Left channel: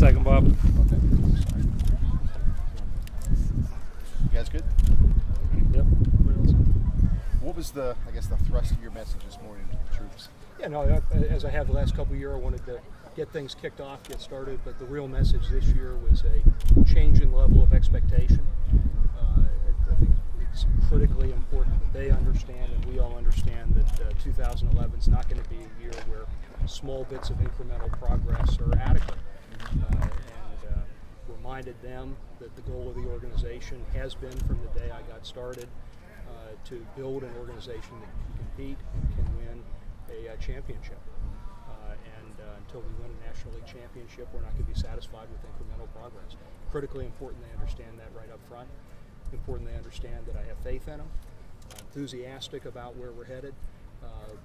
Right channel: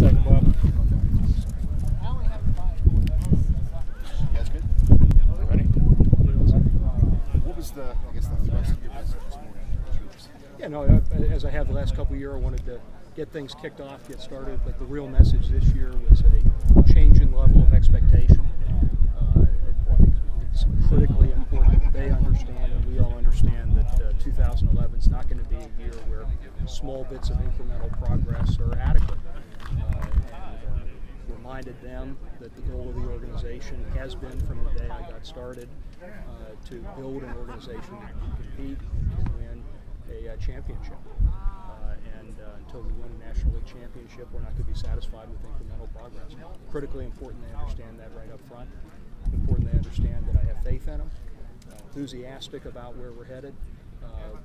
second, Bob. Okay. Sorry. You guys good? Ready? Yep. What was the thrust of your message this morning to the troops? Yeah, no, as I have the last couple of years, I wanted to get things kicked off, get started, but the real message this year was a change in level of expectation. I think it's critically important that they understand and we all understand that 2011 is not going to be a year where small bits of incremental progress are adequate. Reminded them that the goal of the organization has been from the day I got started to build an organization that can compete and can win a championship. Until we win a National League championship, we're not going to be satisfied with incremental progress. Critically important they understand that right up front. Important they understand that I have faith in them, enthusiastic about where we're headed,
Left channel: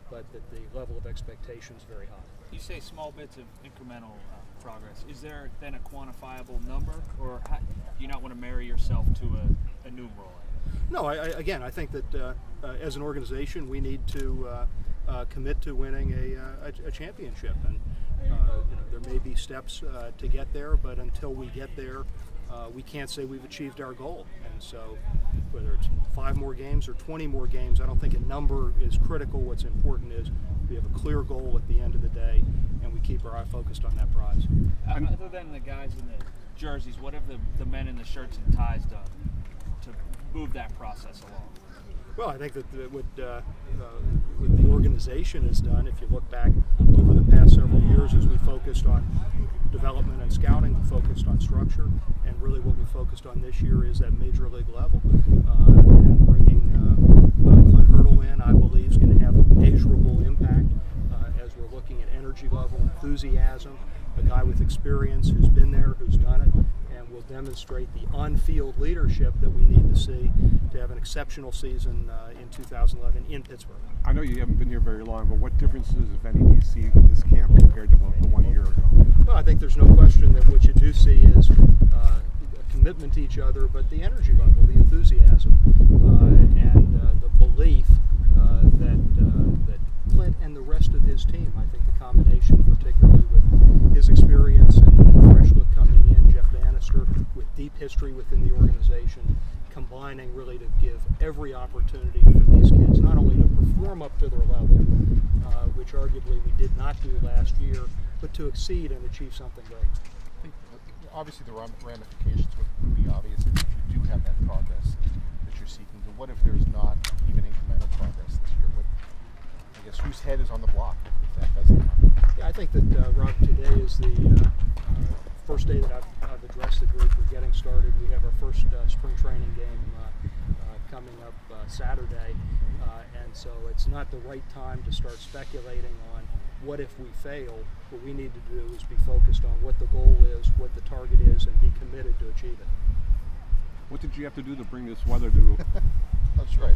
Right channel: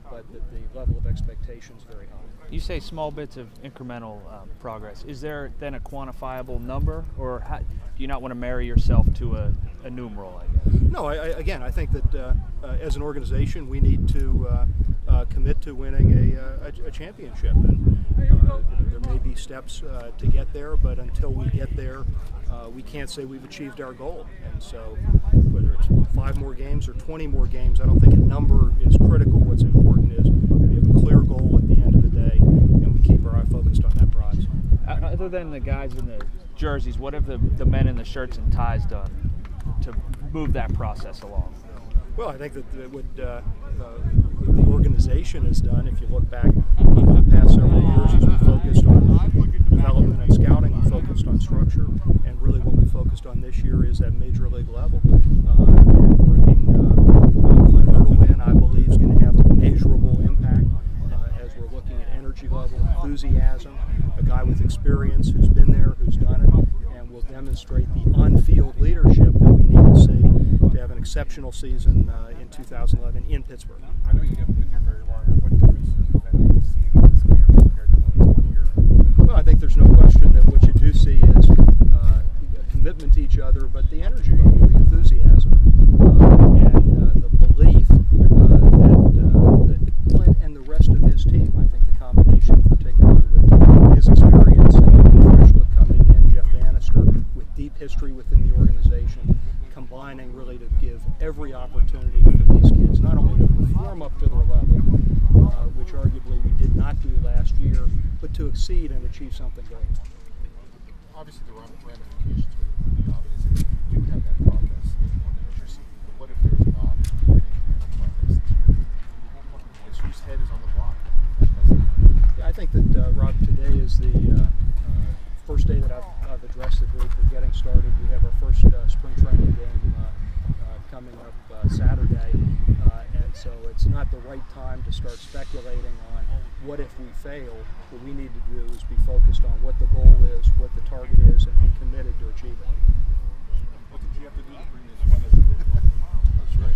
but that the level of expectation is very high. You say small bits of incremental progress. Is there then a quantifiable number, or do you not want to marry yourself to a numeral, I guess? No, I think that as an organization we need to commit to winning a championship. And there may be steps to get there, but until we get there, we can't say we've achieved our goal. And so whether it's 5 more games or 20 more games, I don't think a number is critical. What's important is we have a clear goal at the end of the day, and we keep our eye focused on that prize. Other than the guys in the jerseys, what have the men in the shirts and ties done to move that process along? Well, I think that what the organization has done, if you look back over the past several years, is we focused on development and scouting, we focused on structure, and really what we focused on this year is that major league level. And bringing Clint Hurdle in, I believe, is going to have a measurable impact as we're looking at energy level, enthusiasm, a guy with experience who's been there, who's done it, and will demonstrate the on-field leadership that we need to see to have an exceptional season in 2011 in Pittsburgh. I know you haven't been here very long, but what differences, if any, do you see with this camp compared to one year ago? Well, I think there's no question that what you do see is a commitment to each other, but the energy level, the enthusiasm, and the belief that Clint and the rest of his team, I think the combination, particularly with his experience and fresh look coming in, Jeff Bannister, with deep history within the organization, combining really to give every opportunity for these kids not only to perform up to their level, which arguably we did not do last year, but to exceed and achieve something great. Obviously, the ramifications would be obvious if you do have that progress that you're seeking. But what if there's not even incremental progress this year? I guess whose head is on the block if that doesn't happen? Yeah, I think that, Rob, today is the first day that I've addressed the group. We're getting started. We have our first spring training game coming up Saturday, and so it's not the right time to start speculating on what if we fail. What we need to do is be focused on what the goal is, what the target is, and be committed to achieve it. What did you have to do to bring this weather to? That's right.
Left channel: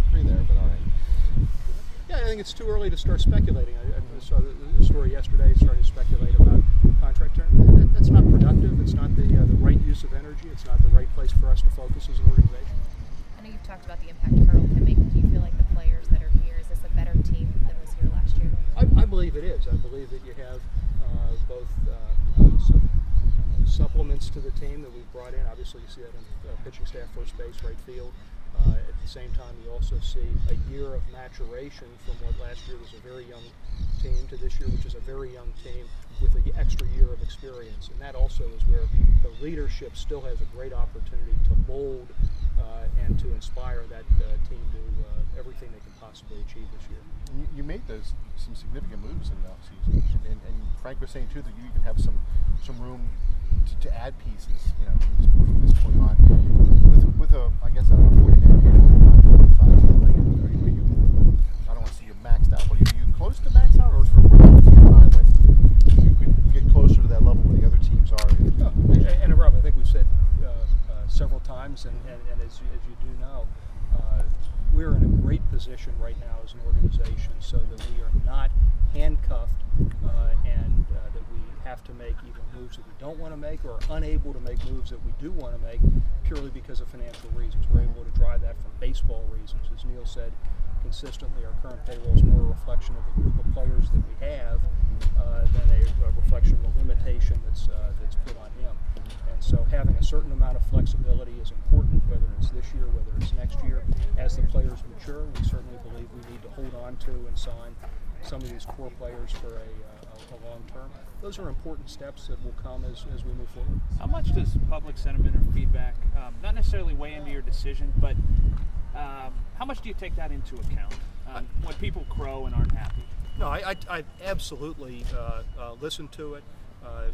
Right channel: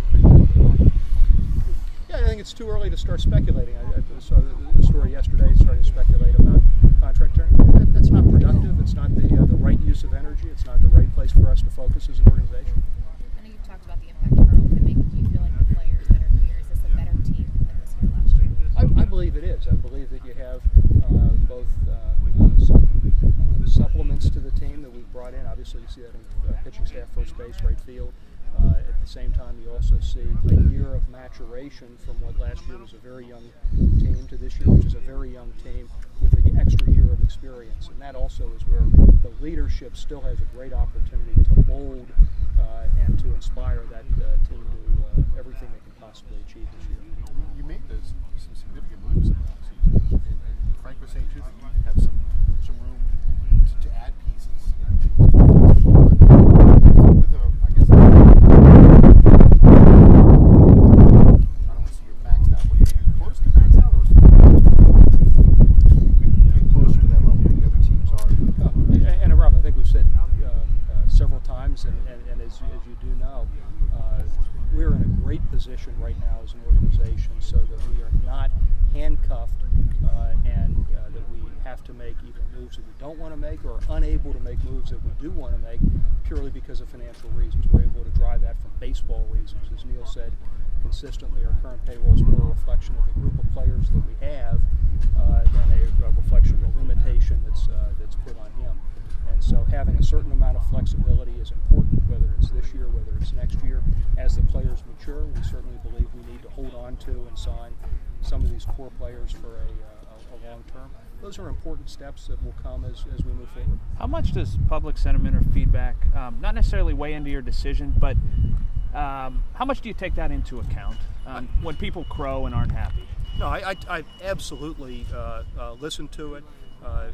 Yeah, I think it's too early to start speculating. I saw the story yesterday starting to speculate about contract terms. That's not productive. It's not the right use of energy. It's not the right place for us to focus as an organization. I know you've talked about the impact Hurdle can make. Do you feel like the players that are here, is this a better team than was here last year? I believe it is. I believe that you have both some supplements to the team that we've brought in. Obviously, you see that on pitching staff, first base, right field. At the same time, you also see a year of maturation from what last year was a very young team to this year, which is a very young team with an extra year of experience. And that also is where the leadership still has a great opportunity to mold and to inspire that team to everything they can possibly achieve this year. You made some significant moves in the offseason, and Frank was saying too that you even have some room to add pieces. With a, I guess, I don't want to see you maxed out. But are you close to max out, or is there a time when you could get closer to that level where the other teams are? And Rob, I think we've said several times, and as you do know, we're in a great position right now as an organization so that we are not handcuffed and that we have to make either moves that we don't want to make or unable to make moves that we do want to make purely because of financial reasons. We're able to drive that from baseball reasons. As Neil said, consistently our current payroll is more a reflection of the group of players that we have than a reflection of the limitation that's put on him. And so having a certain amount of flexibility is important, whether it's this year, whether it's next year. As the players mature, we certainly believe we need to hold on to and sign some of these core players for a long term. Those are important steps that will come as we move forward. How much does public sentiment or feedback, not necessarily weigh into your decision, but how much do you take that into account when people crow and aren't happy? No, I absolutely listen to it.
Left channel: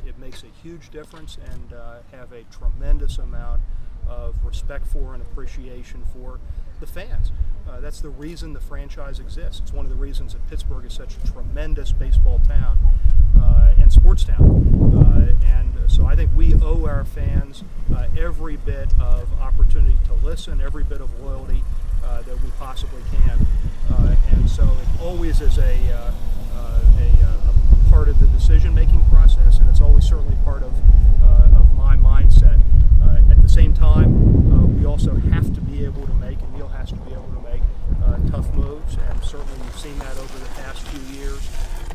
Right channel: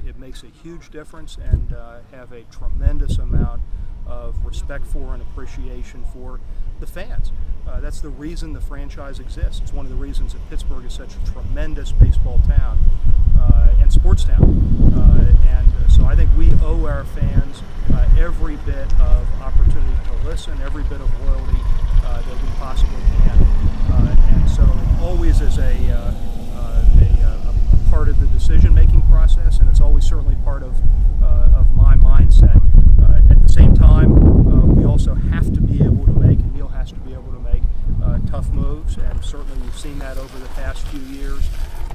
It makes a huge difference, and have a tremendous amount of respect for and appreciation for the fans. That's the reason the franchise exists. It's one of the reasons that Pittsburgh is such a tremendous baseball town and sports town. And so I think we owe our fans every bit of opportunity to listen, every bit of loyalty that we possibly can. And so it always is a part of the decision-making process, and it's always certainly part of my mindset. At the same time, we also have to be able to make, and Neil has to be able to make, tough moves, and certainly we've seen that over the past few years,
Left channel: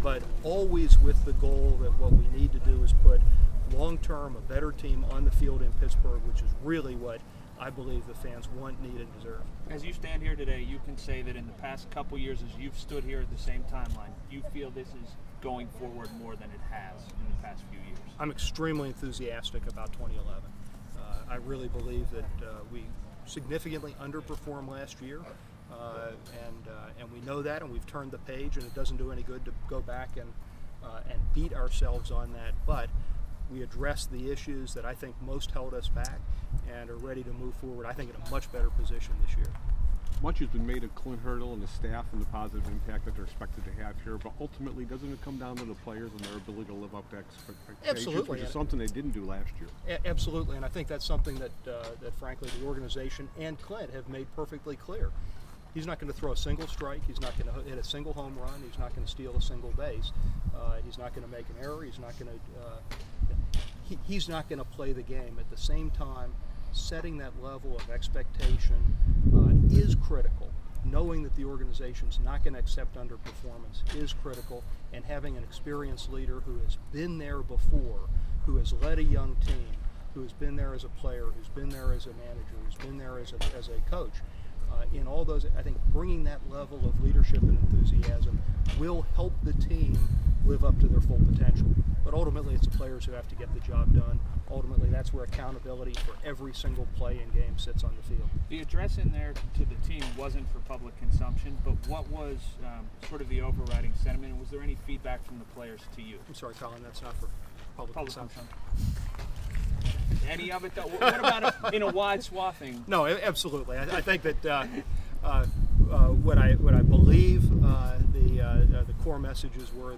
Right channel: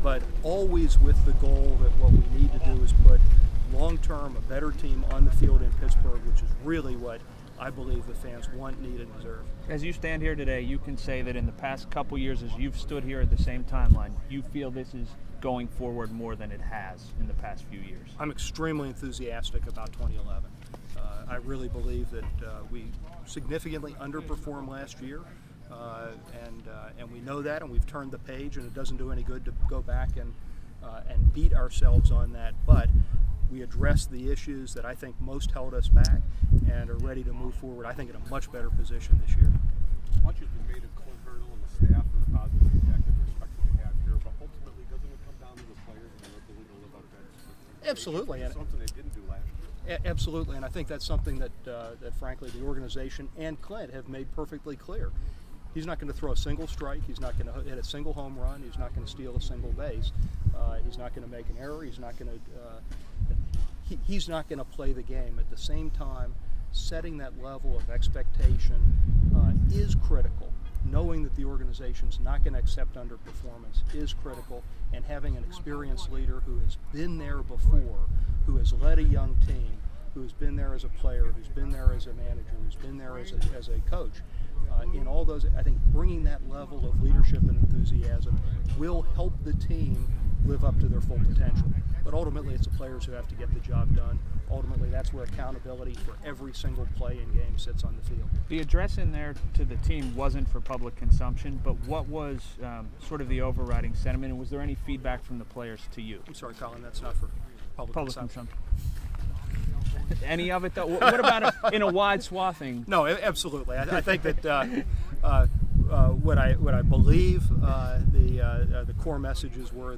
but always with the goal that what we need to do is put long-term a better team on the field in Pittsburgh, which is really what I believe the fans want, need, and deserve. As you stand here today, you can say that in the past couple years, as you've stood here at the same timeline, you feel this is going forward more than it has in the past few years. I'm extremely enthusiastic about 2011. I really believe that we significantly underperformed last year, and we know that, and we've turned the page, and it doesn't do any good to go back and beat ourselves on that. But we addressed the issues that I think most held us back, and are ready to move forward, I think, in a much better position this year. Much has been made of Clint Hurdle and the staff and the positive impact that they're expected to have here, but ultimately, doesn't it come down to the players and their ability to live up to expectations? Absolutely. Which is something they didn't do last year. Absolutely, and I think that's something that, frankly, the organization and Clint have made perfectly clear. He's not going to throw a single strike. He's not going to hit a single home run. He's not going to steal a single base. He's not going to make an error. He's not going to. He's not going to play the game. At the same time, setting that level of expectation is critical. Knowing that the organization's not going to accept underperformance is critical, and having an experienced leader who has been there before, who has led a young team, who has been there as a player, who's been there as a manager, who's been there as a coach. In all those, I think bringing that level of leadership and enthusiasm will help the team live up to their full potential. But ultimately, it's the players who have to get the job done. Ultimately, that's where accountability for every single play and game sits on the field. The address in there to the team wasn't for public consumption, but what was sort of the overriding sentiment, and was there any feedback from the players to you? I'm sorry, Colin, that's not for public consumption. Any of it, though? What about in a wide swathing? No, absolutely. I think that what I believe the core messages were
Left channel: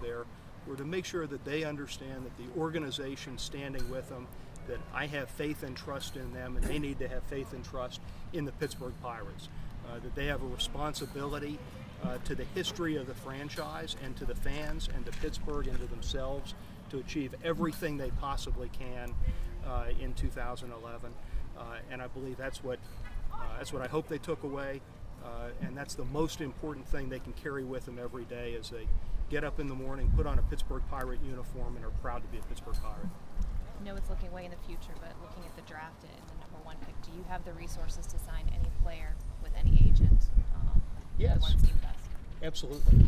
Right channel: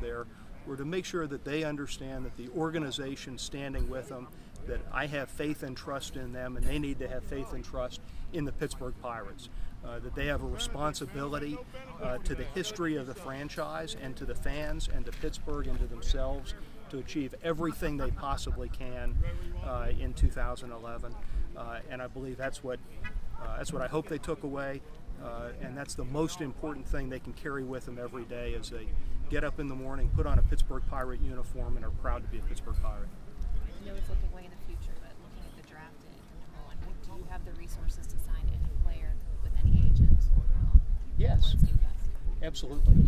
to make sure that they understand that the organization standing with them, that I have faith and trust in them, and they need to have faith and trust in the Pittsburgh Pirates. That they have a responsibility to the history of the franchise and to the fans and to Pittsburgh and to themselves to achieve everything they possibly can in 2011, and I believe that's what I hope they took away, and that's the most important thing they can carry with them every day as they get up in the morning, put on a Pittsburgh Pirate uniform, and are proud to be a Pittsburgh Pirate. I know it's looking way in the future, but looking at the draft and the #1 pick, do you have the resources to sign any player with any agent? Yes. The ones deemed best? Absolutely.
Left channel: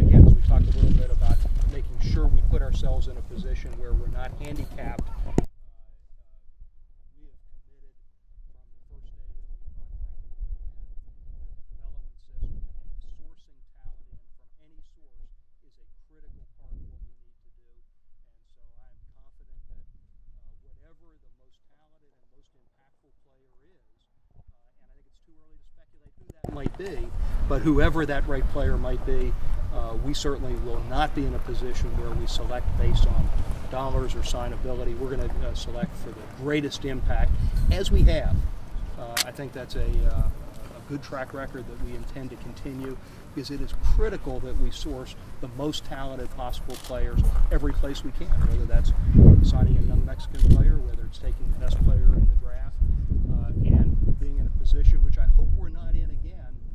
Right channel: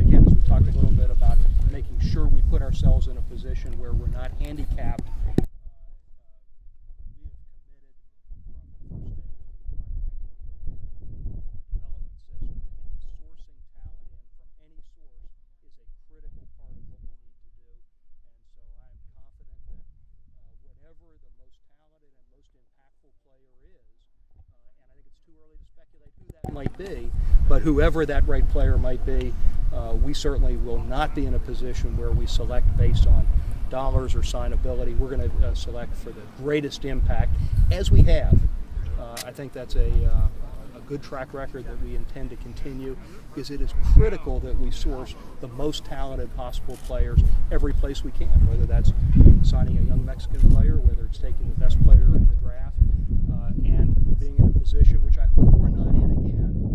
Again, as we talked a little bit about making sure we put ourselves in a position where we're not handicapped. We have committed from the first day that we brought Frankie Neal in, the development system and sourcing talent in from any source is a critical part of what we need to do. And so I am confident that whatever the most talented and most impactful player is, and I think it's too early to speculate who that might be, but whoever that right player might be, we certainly will not be in a position where we select based on dollars or signability. We're going to select for the greatest impact, as we have. I think that's a good track record that we intend to continue, because it is critical that we source the most talented possible players every place we can, whether that's signing a young Mexican player, whether it's taking the best player in the draft, and being in a position, which I hope we're not in again,